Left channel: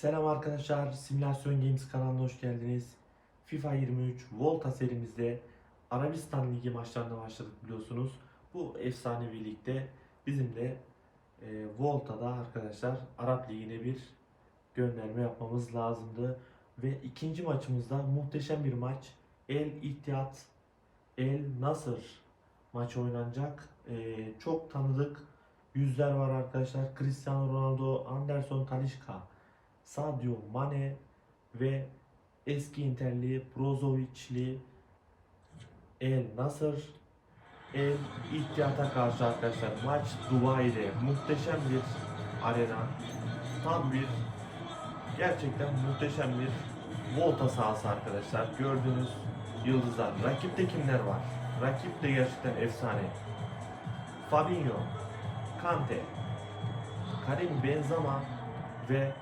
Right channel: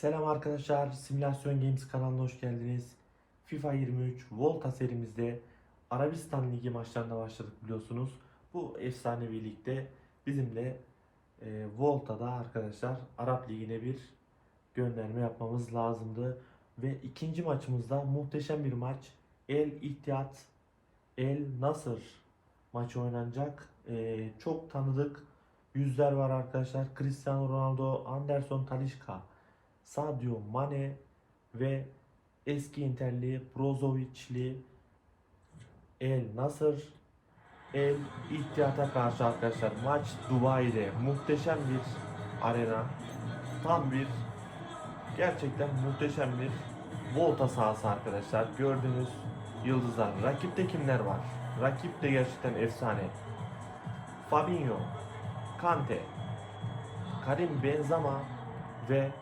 Selam arkadaşlar, Simülasyon Games kanalına hoş geldiniz. FIFA 23 Volta serimizde Arabistan Ligi maçlarına başladık biliyorsunuz. Bu efsanevi ligde bizimle e, Volta'da arkadaşlar Arap Ligi'ne bir gönderme yapmamız lazımdı. Ve ikinci maçımızda muhteşem bir maç. El İttihat El Nasır maçı oynanacak. E, çok tanıdık yüzler var arkadaşlar. Cristiano Ronaldo, Anderson Talisca. Sadio Mane ve eski Interli Brozovic'li El Nasır El İttihat'a karşı arkadaşlar maç Dubai'de muhteşem bir arena tam bir gerçekten muhteşem bir volta sahası arkadaşlar. Gördüğünüz yıldızlar. Rakipte kimler var? Rakip de gerçekten efsane. Fabinho Kante Karim Benzema ve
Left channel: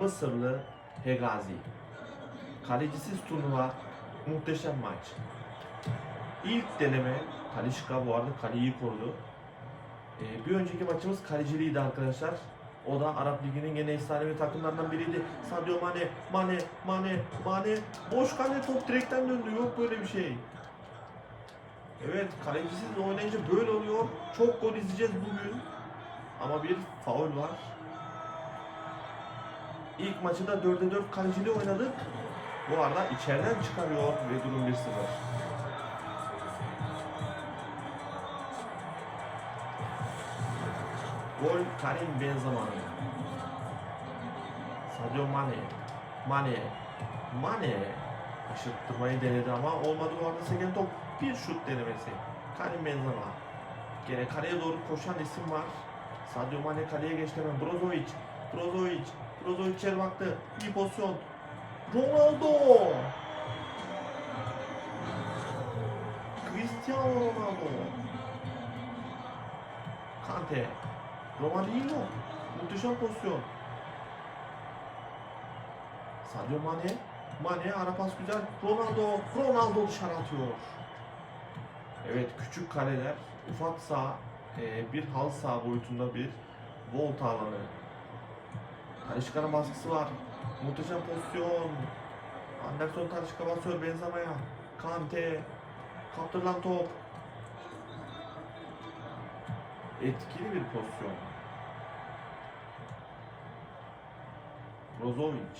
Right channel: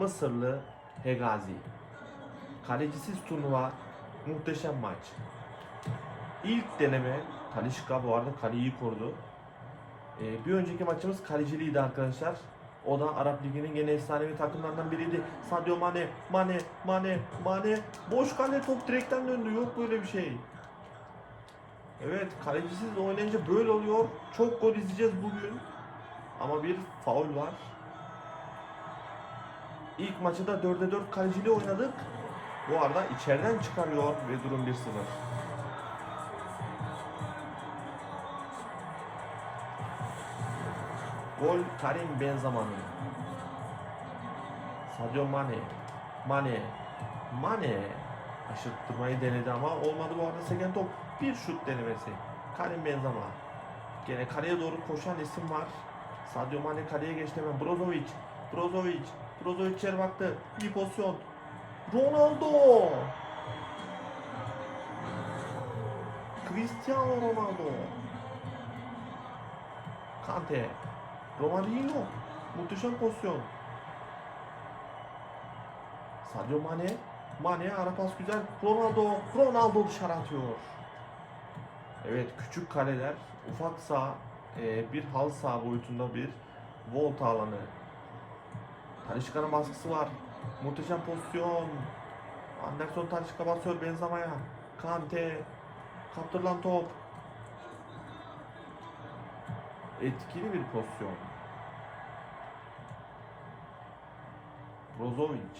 Mısırlı Hegazi. Kalecisiz turnuva muhteşem maç. İlk deneme Talişka bu arada kaleyi korudu. Ee, bir önceki maçımız kaleciliydi arkadaşlar. O da Arap Ligi'nin gene efsanevi takımlarından biriydi. Sadio Mane, Mane, Mane, Mane. Boş kale top direkten döndü. Yok böyle bir şey. Evet kalecisiz oynayınca böyle oluyor. Çok gol izleyeceğiz bugün. Ama bir faul var. İlk maçı da 4'e 4 kalecili oynadık. Bu arada içeriden çıkarıyor ve durum 1-0. Gol Karim Benzema. Sadio Mane. Mane. Mane. Aşırttırmayı denedi ama olmadı bu arada seken top. Bir şut denemesi. Karim Benzema. Gene kaleye doğru koşan isim var. Sadio Mane kaleye geçti hemen. Brozovic. Brozovic. Brozovic içeri baktı. İyi pozisyon. Ronaldo. Cristiano Ronaldo. Kante. Romario. Muhteşem pozisyon. Sadio Mane. Mane ara pas güzel. Ronaldo. Ronaldo dışarı atıyor. Evet küçük kaleler. Ufak saha. e, bir halı saha boyutunda bir volta alanı. Talişka'nın baskısı var. Muhteşem pozisyon. Anderson Talişka basıyor Benzema'ya. Kante. Kaptırılan top. Etkili bir pozisyon. Brozovic.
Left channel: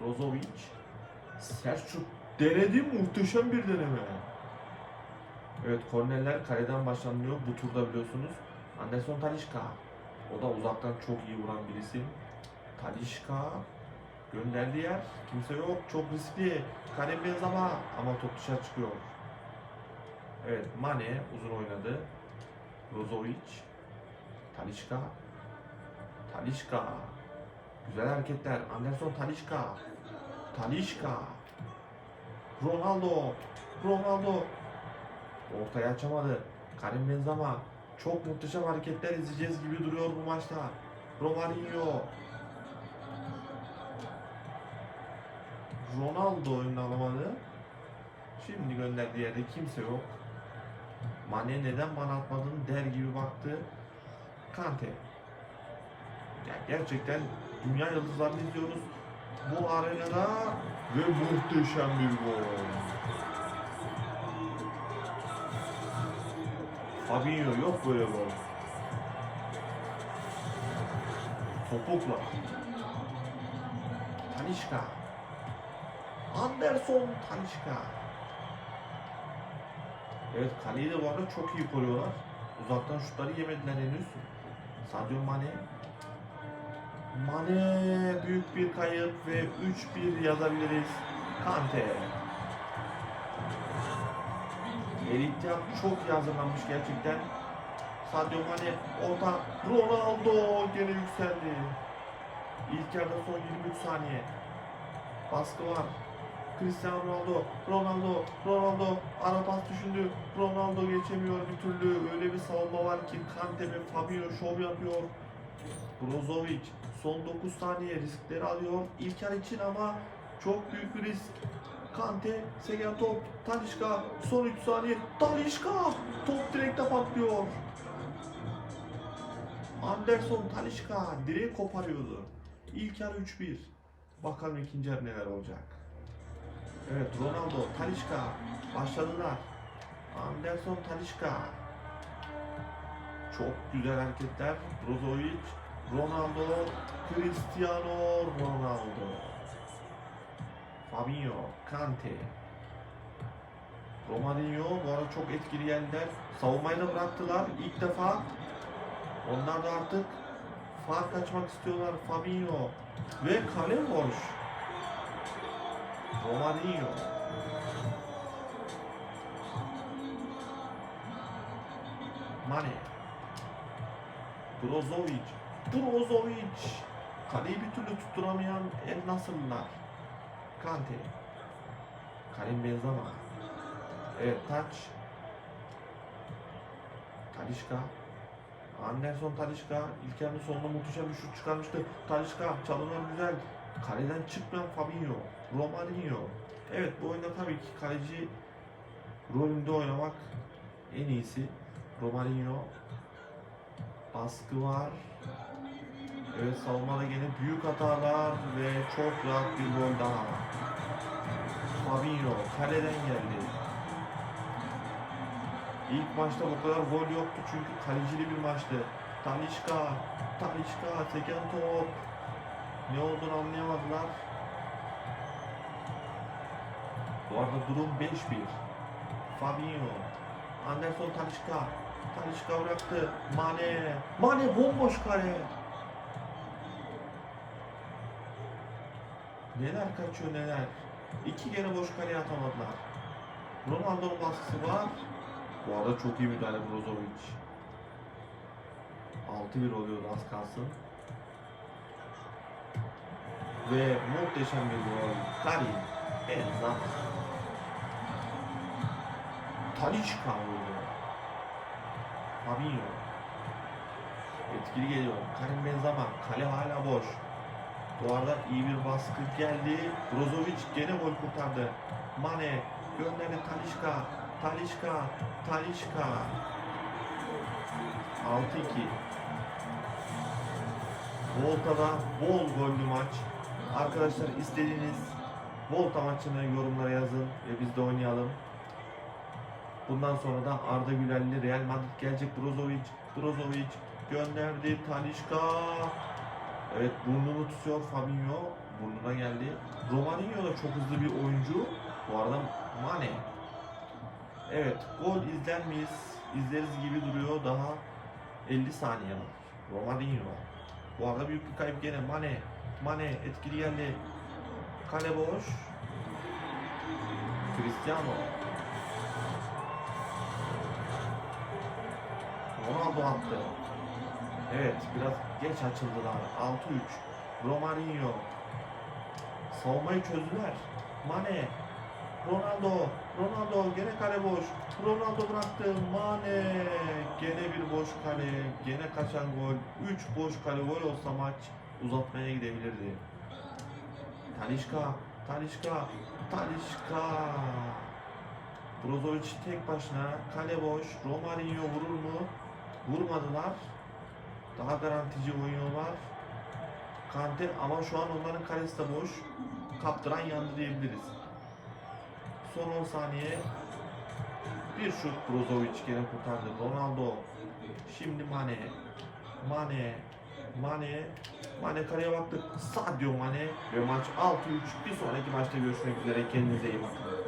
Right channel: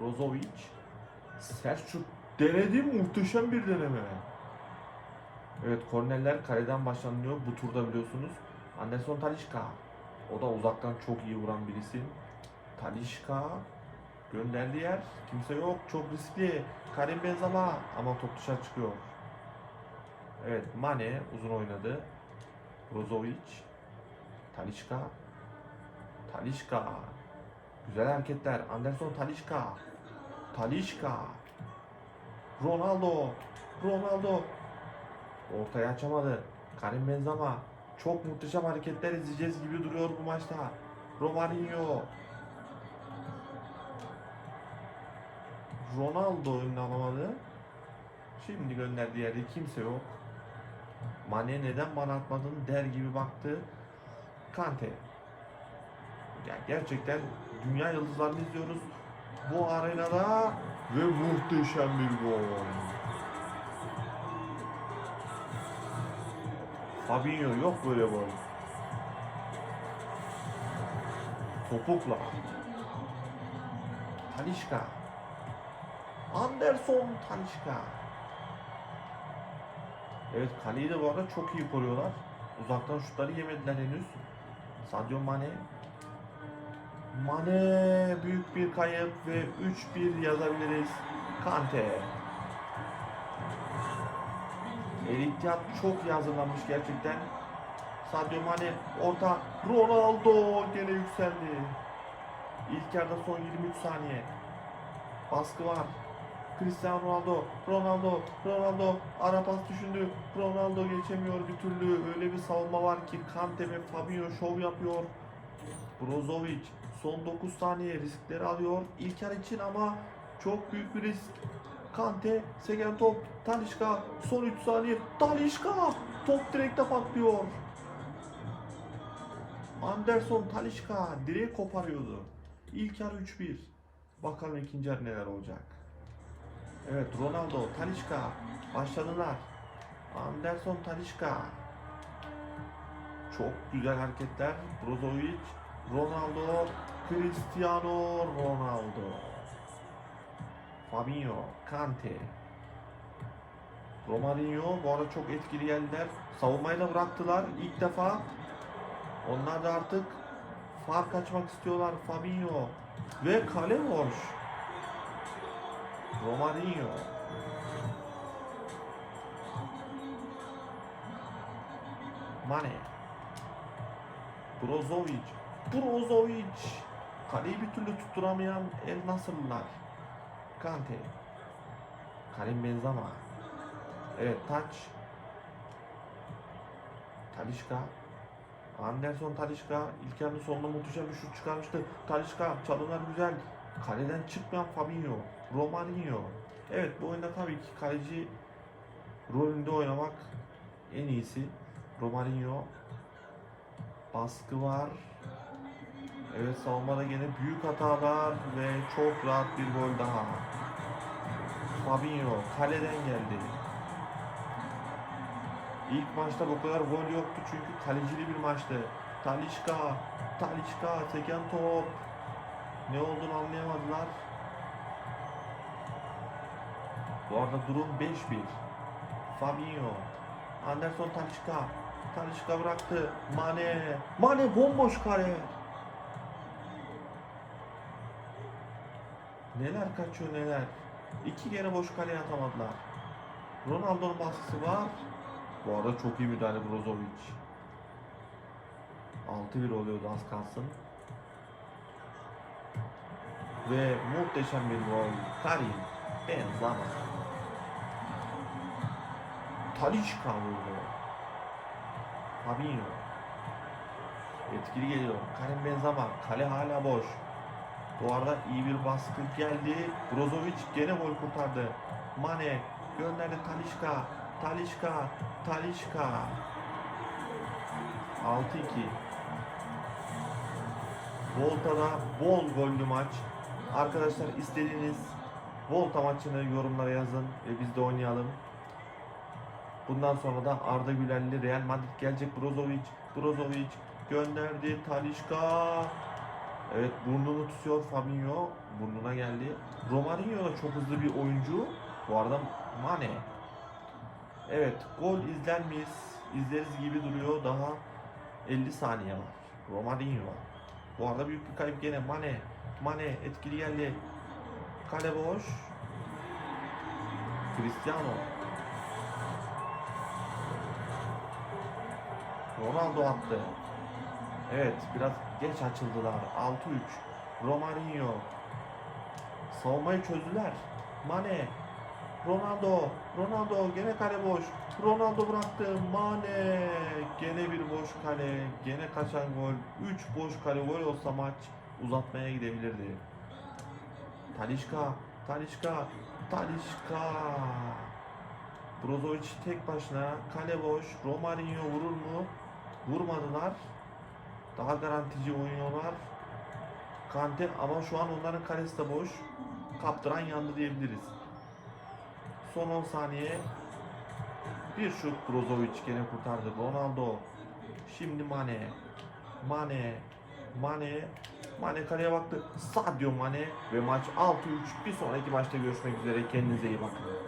Brozovic. Selçuk denedi muhteşem bir deneme. Evet kornerler kaleden başlanıyor bu turda biliyorsunuz. Anderson Talişka. O da uzaktan çok iyi vuran birisi. Talişka gönderdiği yer kimse yok çok riskli. Karim Benzema ama top dışarı çıkıyor. Evet Mane uzun oynadı. Brozovic. Talişka. Talişka. Güzel hareketler. Anderson Talişka. Talişka. Ronaldo. Ronaldo. Ortaya açamadı. Karim Benzema. Çok muhteşem hareketler izleyeceğiz gibi duruyor bu maçta. Romario. Ronaldo önüne alamadı. Şimdi gönderdiği yerde kimse yok. Mane neden bana atmadın der gibi baktı. Kante. Ya gerçekten dünya yıldızlarını izliyoruz. Bu arenada ve muhteşem bir gol. Fabinho yok böyle gol. Topukla. Talişka. Anderson Talişka. Evet kaleyi de bu arada çok iyi koruyorlar. Uzaktan şutları yemediler henüz. Sadio Mane. Mane büyük bir kayıp ve 3-1 yazabiliriz. Kante. El İttihad çok iyi hazırlanmış gerçekten. Sadio Mane orta Ronaldo gene yükseldi. İlk yarıda son 23 saniye. Baskı var. Cristiano Ronaldo, Ronaldo, Ronaldo ara pas düşündü. Ronaldo geçemiyor bir türlü. Öyle bir savunma var ki Kante ve Fabinho şov yapıyor. Brozovic son 9 saniye riskleri alıyor. İlk yarı için ama çok büyük bir risk. Kante, seken top, Talişka, son 3 saniye, Talişka, top direkte patlıyor. Anderson Talişka direği koparıyordu. İlk yarı 3-1. Bakalım ikinci yarı neler olacak. Evet Ronaldo, Talişka başladılar. Anderson Talişka. Çok güzel hareketler. Brozovic, Ronaldo, Cristiano Ronaldo. Fabinho, Kante. Romarinho bu arada çok etkili geldiler. Savunmayı da bıraktılar ilk defa. Onlar da artık fark açmak istiyorlar. Fabinho ve kale boş. Romarinho. Mane. Brozovic. Brozovic. Kaleyi bir türlü tutturamayan El Nasırlılar. Kante. Karim Benzema. Evet taç. Talişka. Anderson Talişka ilk yarının sonunda muhteşem bir şut çıkarmıştı. Talişka çalılar güzel. Kaleden çıkmayan Fabinho. Romarinho. Evet bu oyunda tabii ki kaleci rolünde oynamak en iyisi. Romarinho. Baskı var. Evet savunmada gene büyük hatalar ve çok rahat bir gol daha. Fabinho kaleden geldi. İlk maçta bu kadar gol yoktu çünkü kalecili bir maçtı. Talişka, Talişka, seken top. Ne olduğunu anlayamadılar. Bu arada durum 5-1. Fabinho, Anderson Talişka, Talişka bıraktı. Mane, Mane bomboş kale. Neler kaçıyor neler. İki kere boş kaleye atamadılar. Ronaldo'nun baskısı var. Bu arada çok iyi müdahale Brozovic. 6-1 oluyor az kalsın. Ve muhteşem bir gol. Karim Benzema. Talişka vurdu. Fabinho. Etkili geliyor. Karim Benzema. Kale hala boş. Bu arada iyi bir baskı geldi. Brozovic gene gol kurtardı. Mane gönderdi Talişka. Talişka. Talişka. 6-2. Volta'da bol gollü maç. Arkadaşlar istediğiniz Volta maçını yorumlara yazın ve biz de oynayalım. Bundan sonra da Arda Güler'li Real Madrid gelecek. Brozovic, Brozovic gönderdi. Talişka. Evet burnunu tutuyor Fabinho. Burnuna geldi. Romarinho da çok hızlı bir oyuncu. Bu arada Mane. Evet gol izler miyiz? İzleriz gibi duruyor. Daha 50 saniye var. Romarinho. Bu arada büyük bir kayıp gene. Mane. Mane etkili geldi. Kale boş. Cristiano. Ronaldo attı. Evet biraz geç açıldılar. 6-3. Romarinho. Savunmayı çözdüler. Mane. Ronaldo. Ronaldo gene kale boş. Ronaldo bıraktı. Mane. Gene bir boş kale. Gene kaçan gol. 3 boş kale gol olsa maç uzatmaya gidebilirdi. Talişka. Talişka. Talişka. Brozovic tek başına. Kale boş. Romarinho vurur mu? Vurmadılar. Daha garantici oynuyorlar. Kante ama şu an onların kalesi de boş. Kaptıran yandı diyebiliriz. Son 10 saniye. Bir şut Brozovic gene kurtardı. Ronaldo. Şimdi Mane. Mane. Mane. Mane kaleye baktı. Sadio Mane. Ve maç 6-3. Bir sonraki maçta görüşmek üzere. Kendinize iyi bakın.